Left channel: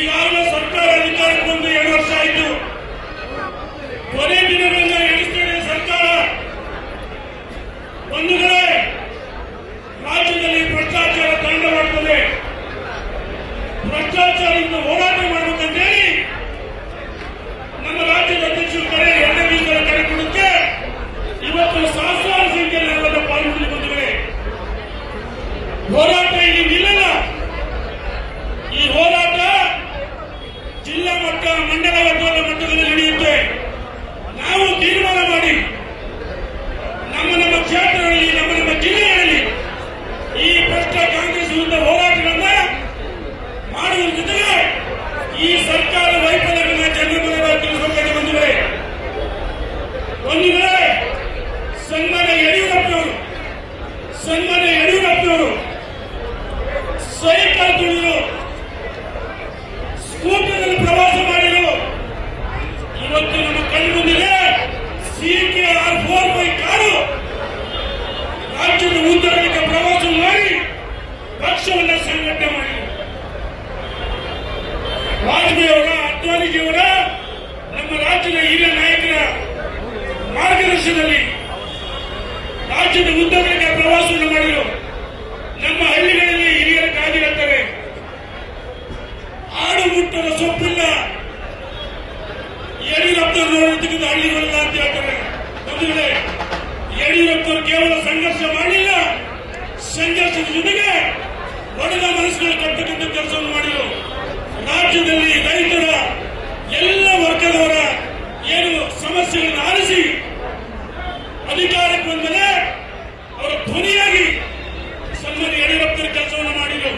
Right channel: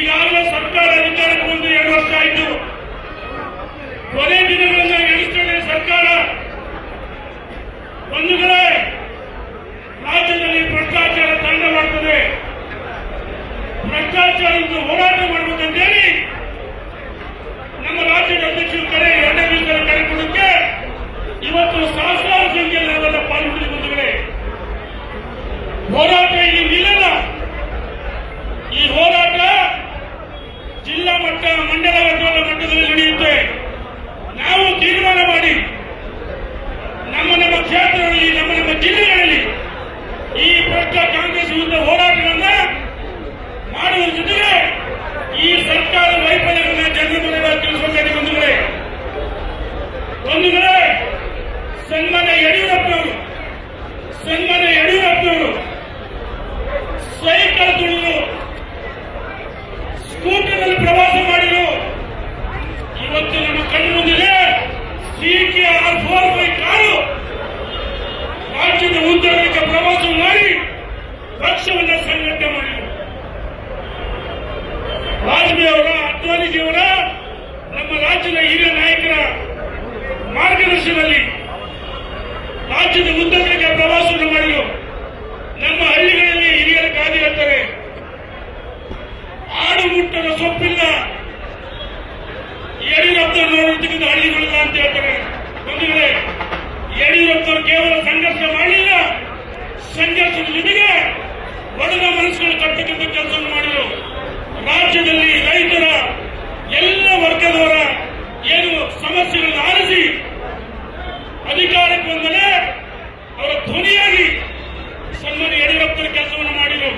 ಈಗಾಗಲೇ ಸರ್ಕಾರ ಅಧಿಕಾರಕ್ಕೆ ಬಂದು 2 ವರ್ಷ ಆಯಿತು. ಕೊನೆ ದಿನಗಳನ್ನು ಎಣಿಸ್ತೇನೆ ಸರ್ಕಾರ. ಒಂದು ಕಡೆ ರಾಜ್ಯದಲ್ಲಿ ಭ್ರಷ್ಟಾಚಾರ ತಾಂಡವಾಡುತ್ತದೆ. ಭ್ರಷ್ಟಾಚಾರದಿಂದ ಹೋರಾಟ ಮಾಡಬೇಕಂತೇಳಿ ನಮ್ಮ ರಾಜ್ಯದ ಅಧ್ಯಕ್ಷರ ಕಡೆ 2ನೇ ದಿವಸದ ಕರೆ ಕೊಡಕ್ಕೆ ಇವತ್ತು ಸಹಸ್ರಾರು ಸಂಖ್ಯೆಯಲ್ಲಿ ಪಾಲ್ಗೊಂಡು ಬಂದಿವೆ. ಹೋರಾಟ ಇಲ್ಲಿ ನಿಲ್ಲಲ್ಲ. ಈ ಹೋರಾಟ ಜಿಲ್ಲಾ ಮಟ್ಟ, ಮಂಡಲ ಮಟ್ಟದಲ್ಲಿ ನಡೆಯುತ್ತೆ. ನಾವು ತೀರ್ಮಾನ ಮಾಡಿ ನಮ್ಮ ಕ್ಷೇತ್ರಗಳಲ್ಲಿ, ನಮ್ಮ ಜಿಲ್ಲೆಗಳಲ್ಲಿ ಈ ಭ್ರಷ್ಟ ಕಾಂಗ್ರೆಸ್ ವಿರುದ್ಧ ಹೋರಾಟಗಳನ್ನ ಮಾಡುವ ಜೊತೆಗೆ ಈ ಸರ್ಕಾರ ವೈಫಲ್ಯಗಳನ್ನ ಜನರಿಗೆ ತಿಳಿಸಬೇಕಾಗಿ ಬಂದಿವೆ. ಒಂದು ವೇಳೆ ಸನ್ಮಾನ್ಯ ಯಡಿಯೂರಪ್ಪನವರು ಸೈಕಲ್ ತುಳಿದು ಸ್ಕೂಟರ್ನಲ್ಲಿ ಪ್ರವಾಸ ಮಾಡಿದರು. ಇವತ್ತು ನಮ್ಮ ಕಣ್ಣು ಮುಂದಿದೆ CKR 4x ಕಾರು ರಾಜ್ಯದ ಉದ್ದಗಲಕ್ಕೆ ಪ್ರವಾಸ ಮಾಡಿ ಪಕ್ಷವನ್ನು ಸಂಘಟನೆ ಮಾಡಿದರು. ವಾಜಪೇಯಿ ಅವರ, ಅದ್ವಾನಿಜಿಯವರ, ನಮ್ಮ ರಾಜ್ಯದ ಹಿರಿಯ ನಾಯಕರ ಮಾರ್ಗದರ್ಶನದಲ್ಲಿ ರಾಜ್ಯದ ಉದ್ದಗಲಕ್ಕೆ ಪ್ರವಾಸವನ್ನು ಮಾಡಿದರು. ನಮ್ಮ ಹಳ್ಳಿಗಳಲ್ಲಿ ಹಿರಿಯರ ಗಾದಿ ಹೇಳ್ತಾರೆ, ಆಡು ಮುಟ್ಟದ ಸೊಪ್ಪಿಲ್ಲ ಯಡಿಯೂರಪ್ಪನವರತಕ್ಕಂಥ ಹಳ್ಳಿಗಳಲ್ಲ ಅಂತ ಹೇಳ್ತಾರೆ. ಬಂಧುಗಳೇ, ಯಡಿಯೂರಪ್ಪನವರು ಕೇವಲ ಸಂಘರ್ಷ ಮಾಡಿಲ್ಲ, ಸಂಘರ್ಷದ ಜೊತೆಗೆ ಒಡೆದ ಮನಸ್ಸುಗಳು ಕಟ್ಟತಕ್ಕಂಥ ಕೆಲಸವನ್ನು ಮಾಡಿದರು. ರಾಜ್ಯದಲ್ಲಿ ರೈತರ ಎಲ್ಲ ವರ್ಗದವರ ಏನು ಸಮಸ್ಯೆಗಳನ್ನು ಆಲಿಸಿ ಅಧಿಕಾರಕ್ಕೆ ಬಂದರೆ ಅವರ ಧ್ವನಿಯಾಗಿ ಸನ್ಮಾನ್ಯ ಯಡಿಯೂರಪ್ಪನ ಕೆಲಸವನ್ನು ಮಾಡಿದರು.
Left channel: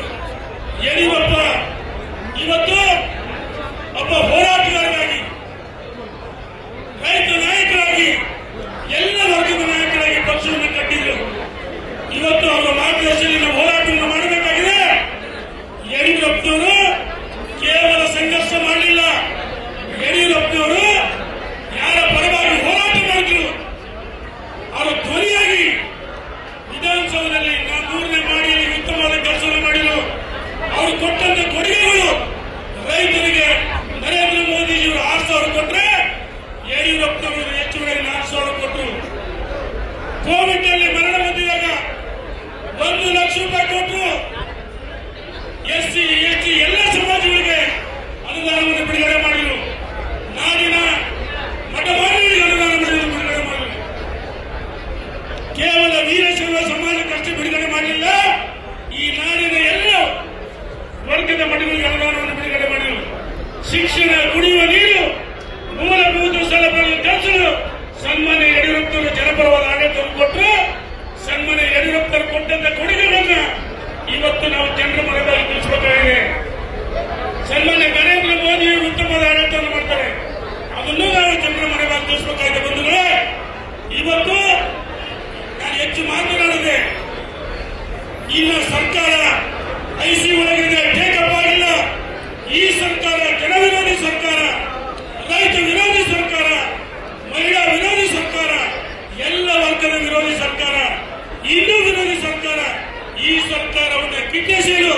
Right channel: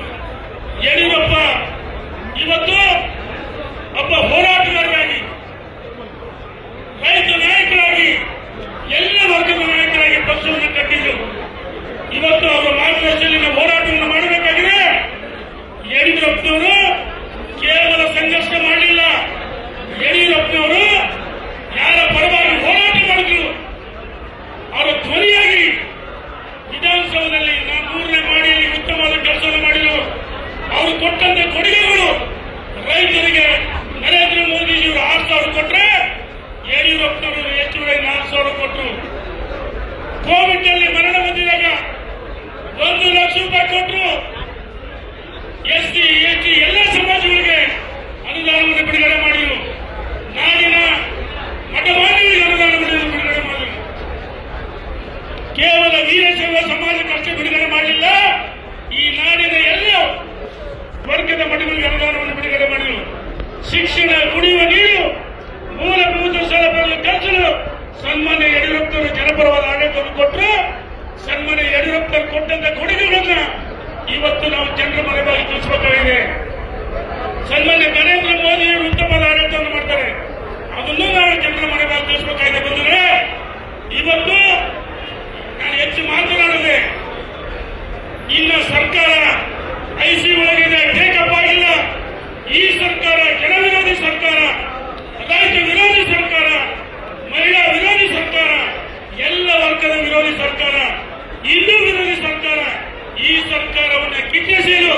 ಯಡಿಯೂರಪ್ಪ ಇವತ್ತು ಒಬ್ಬ ಹೋರಾಟಗಾರರಾಗಿ, ರೈತ ನಾಯಕರಾಗಿ, ಎಲ್ಲ ವರ್ಗದ ನಾಯಕರಾಗಿ ಪಕ್ಷವನ್ನು ಕಟ್ಟಿದರು. ಇವತ್ತು ಅವರ ಮಾರ್ಗದರ್ಶನದಲ್ಲಿ ಹೋರಾಟವನ್ನು ಮಾಡಬೇಕಾಗಿದೆ. ಯಡಿಯೂರಪ್ಪನವರು ಕೇವಲ ಸಂಘರ್ಷ ಮಾಡಲಿಲ್ಲ. ಯಡಿಯೂರಪ್ಪನವರು ಯಾರ ಪರವಾಗಿ ಹೋರಾಟ ಮಾಡಿದ್ರು ಅವರ ಧ್ವನಿಯಾಗಿ ವಿಧಾನಸೌಧದಲ್ಲಿ 3ನೇ ಮಾಡಿಯಲ್ಲಿ ಉತ್ತಮವಾದ ಕೆಲಸವನ್ನು ಮಾಡಿದರು. ಅವರು ಕೊಟ್ಟಂತೆ ಕೊಡುಗೆಗಳು ರೈತರಿಗೆ ನರೇಂದ್ರ ಮೋದಿಜಿಯವರು 6,000 ಕೊಟ್ಟರೆ ಯಡಿಯೂರಪ್ಪನವರು ಹೆಚ್ಚುವರಿ 4,000 ಕೊಟ್ಟರು. ಕೋವಿಡ್ ನಲ್ಲಿ ಮರಣ ಹೊಂದಿದಾಗ 1 ಲಕ್ಷ ರೂಪಾಯಿ ಕೊಟ್ಟರು. SC, ST ಎಲ್ಲ ಸಮಾಜಗಳಿಗೆ ಅನುದಾನವನ್ನು ಬಿಡುಗಡೆ ಮಾಡಿದರು. ನಾಡಿನ ಮಠಮಾನ್ಯರಿಗೆ ಅನುದಾನವನ್ನು ಬಿಡುಗಡೆ ಮಾಡಿದರು. ಕೇವಲ ವೀರಶೈವ ಸಮಾಜಕ್ಕಷ್ಟೇ ಬಿಡುಗಡೆ ಮಾಡಲಿಲ್ಲ, ಈ ನಾಡಿನ ಎಲ್ಲ ವರ್ಗದ ಮಠಗಳಿಗೆ ಅನುದಾನವನ್ನು ಬಿಡುಗಡೆ ಮಾಡಿದರು. ಶಿಕ್ಷಣ, ಕುಡಿಯುವ ನೀರು, ಮೂಲಭೂತ ಸೌಲಭ್ಯಗಳ ಕೆಲಸಗಳು ಸನ್ಮಾನ್ಯ ಯಡಿಯೂರಪ್ಪನವರು ಜನಪರವಾದ ಆಡಳಿತವನ್ನು ಕೊಟ್ಟರು. ಸನ್ಮಾನ್ಯ ಯಡಿಯೂರಪ್ಪನವರು ಕೊಟ್ಟಂತ ಕೊಡುಗೆಗಳನ್ನ ಇವತ್ತು ನಾವು ಜನರ ಮನೆಯಲ್ಲಿ ತಿಳಿಸಬೇಕಾಗಿದೆ. ಸನ್ಮಾನ್ಯ ನರೇಂದ್ರ ಮೋದಿಯವರು ಉತ್ತಮವಾದ ಆಡಳಿತವನ್ನು ಮಾಡ್ತಾರೆ, ಅದನ್ನು ನಾವು ಜನರ ಮನೆಯಲ್ಲಿ ತಿಳಿಸಬೇಕಾಗಿದೆ. ಬಂದರೆ ಇವತ್ತು ನಾನು ಹೆಚ್ಚು ಮಾತನಾಡಿದೆ. ಇಲ್ಲ ಸರ್ಕಾರ ICU ಒಳಗಿದೆ, ಟೇಕಪ್ ಆಗಿಲ್ಲ. ಈ ಸರ್ಕಾರ ಜನ ವಿರೋಧಿ ಸರ್ಕಾರ, ರೈತ ವಿರೋಧಿ ಸರ್ಕಾರ, ಮಹಿಳಾ ವಿರೋಧಿ ಸರ್ಕಾರ, ಎಲ್ಲ ವರ್ಗದ ವಿರೋಧಿ ಸರ್ಕಾರ, ಹಿಂದೂ ವಿರೋಧಿ ಸರ್ಕಾರ. ಈ ಸರ್ಕಾರವನ್ನು ಕಿತ್ತಿಸಲು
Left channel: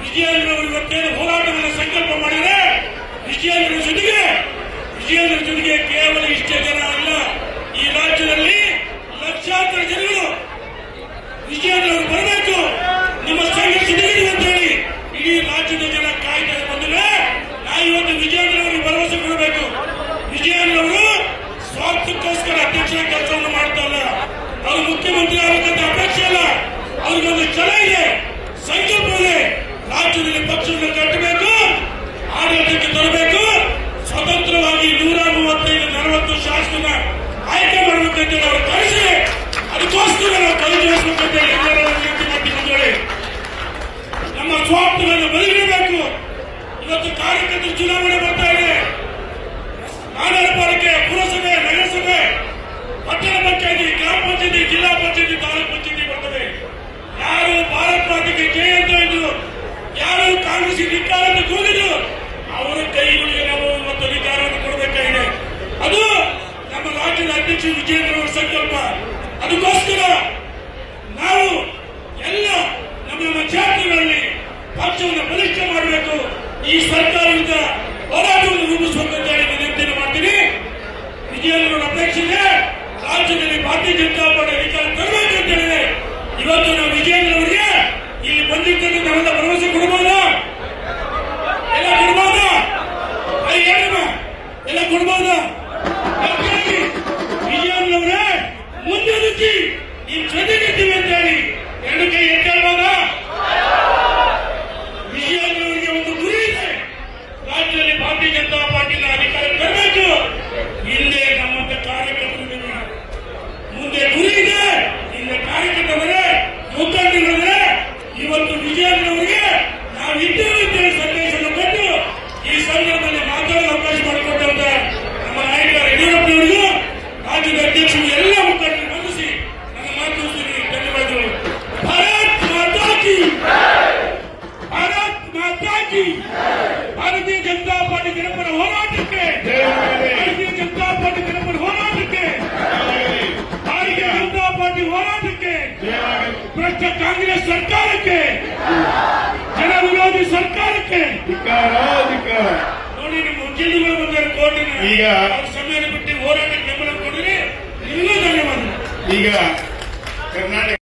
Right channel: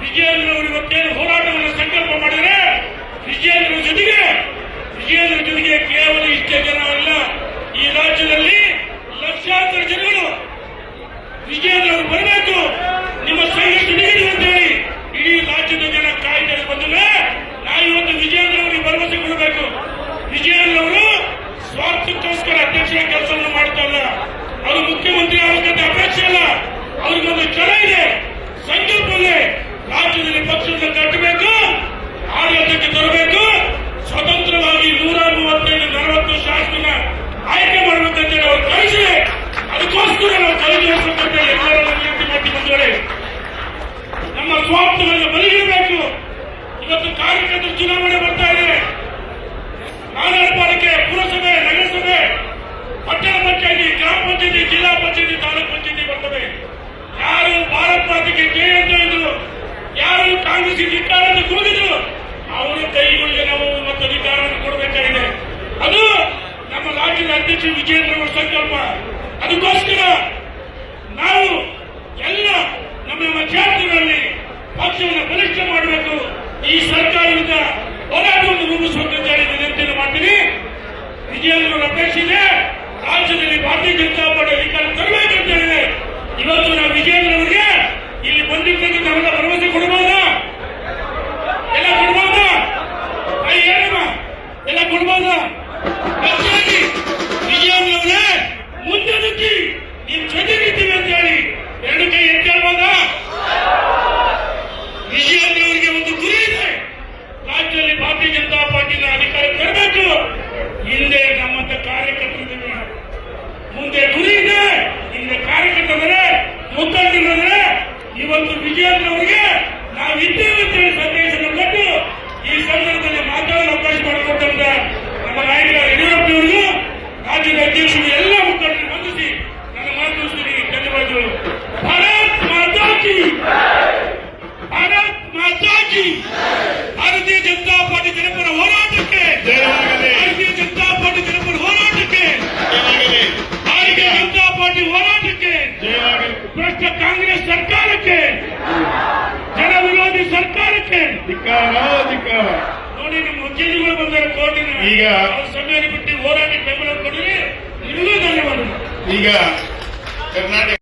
ವಿಜಯೇಂದ್ರವರು ಇವತ್ತೇನು ಹೋರಾಟವನ್ನು ಸಂಕಲ್ಪ ಮಾಡಿದರೆ, ವಿಜಯೇಂದ್ರ ಜೊತೆಗೆ ಕೇವಲ ಇಷ್ಟೇ ಜನ ಅಲ್ಲ, ಈ ರಾಜ್ಯದಲ್ಲಿ ಲಕ್ಷಾಂತರ ಜನರು ವಿಜಯೇಂದ್ರ ಬರಬೇಕು, ನಿಮ್ಮ ಸಂಘರ್ಷ ನೀಡಿ ಅಂತ ಹೇಳಿ ಇಡೀ ರಾಜ್ಯದ ಜನ ಕಾಯ್ದೆ ಬಂದರೆ ನಾವು ಇವತ್ತು ವಿಜಯೇಂದ್ರ ಅವರಿಗೆ ಭರವಸೆ ಕೊಡಬೇಕು. ವಿಜಯೇಂದ್ರ ಅವರು ಸ್ವಾರ್ಥಕ್ಕೋಸ್ಕರ ಅಧ್ಯಕ್ಷರ ಕೆಲಸವನ್ನು ಮಾಡ್ತಾ ಇಲ್ಲ, ಅವರು ಮುಖ್ಯಮಂತ್ರಿ ಆಗಬೇಕಂತ ಅಪೇಕ್ಷೆ ಇಲ್ಲ. ಅವ್ರಿಗೊಂದು ಛಲ ಇದೆ, ಸಂಕಲ್ಪ ಇದೆ. ರಾಜ್ಯದಲ್ಲಿ ಪಕ್ಷವನ್ನು ಕಟ್ಟಬೇಕು, ಆಡಳಿತಕ್ಕೆ ತರಬೇಕು, ಸ್ವತಂತ್ರವಾಗಿ 135-40 ಶಾಸನ ಆಯ್ಕೆ ಮಾಡಬೇಕಂತ ಅವರು ಕಳಿಸಿದೆ. ಅದಕ್ಕೋಸ್ಕರ ನಾವು ಕೈ ಜೋಡಿಸಬೇಕಂತ ಎಲ್ಲರೂ ವಿನಂತಿ ಮಾಡಿಕೊಂಡಿದ್ದಾರೆ. ನಮ್ಮ ಸ್ವಾರ್ಥಗಳನ್ನು ಬದಿಗಿಡಬೇಕು. ಇವತ್ತು ಕಾರ್ಯಕರ್ತರ ಚುನಾವಣೆ ಬರ್ತಾ ಇದೆ. ನಗರ ಪಾಲಿಕೆ, ಪುರಸಭೆ, ನಗರಸಭೆ, ಪಟ್ಟಣ ಪಂಚಾಯತಿ, ಗ್ರಾಮ ಪಂಚಾಯತಿ, ಜಿಲ್ಲಾ ಪಂಚಾಯತಿ, ತಾಲೂಕು ಪಂಚಾಯತಿ ಬರ್ತವೆ. ಯಾರು ಭಾರತ್ ಮಾತೆಗೆ ಜಯ ಅಂತ ಹೇಳಿದ್ರು, ಯಾರು ಕಾಂಗ್ರೆಸ್ ಇಟ್ಟಾರ ಅಂತ ಕೂಗಿದ್ರು, ಅವರ ಕೈಗಳಿಗೆ ನಾವು ಒಂದು ಅಧಿಕಾರವನ್ನು ಕೊಡಬೇಕಾಗಿದೆ. ಅದು ನಮ್ಮ ರಾಜ್ಯದ ಅಧ್ಯಕ್ಷ ವಿಜಯೇಂದ್ರ ಅವರ ಸಂಕಲ್ಪ. ಅದಕ್ಕೋಸ್ಕರ ನಾವು ಎಲ್ಲ ನಮ್ಮ ಕ್ಷೇತ್ರಗಳಲ್ಲಿ ಪಕ್ಷವನ್ನು ಬಲಿಷ್ಠ ಮಾಡಬೇಕು. ಈ ಸರ್ಕಾರ ಧಿಕ್ಕಾರ ಧಿಕ್ಕಾರ. ನೋಡಿ ನಿಮ್ಮ ವಕೀಲರುಗಳು ಬಂದರೆ ಕೋರ್ಟಿನ ಈಗ ಸಮಯ ಬಿಟ್ಟು ಹೋರಾಟಕ್ಕೆ ಬೆಂಬಲ ಕೊಡಿದ್ರೆ ನಿಮಗೂ ಧನ್ಯವಾದ. ಈಗ ಕರ್ನಾಟಕ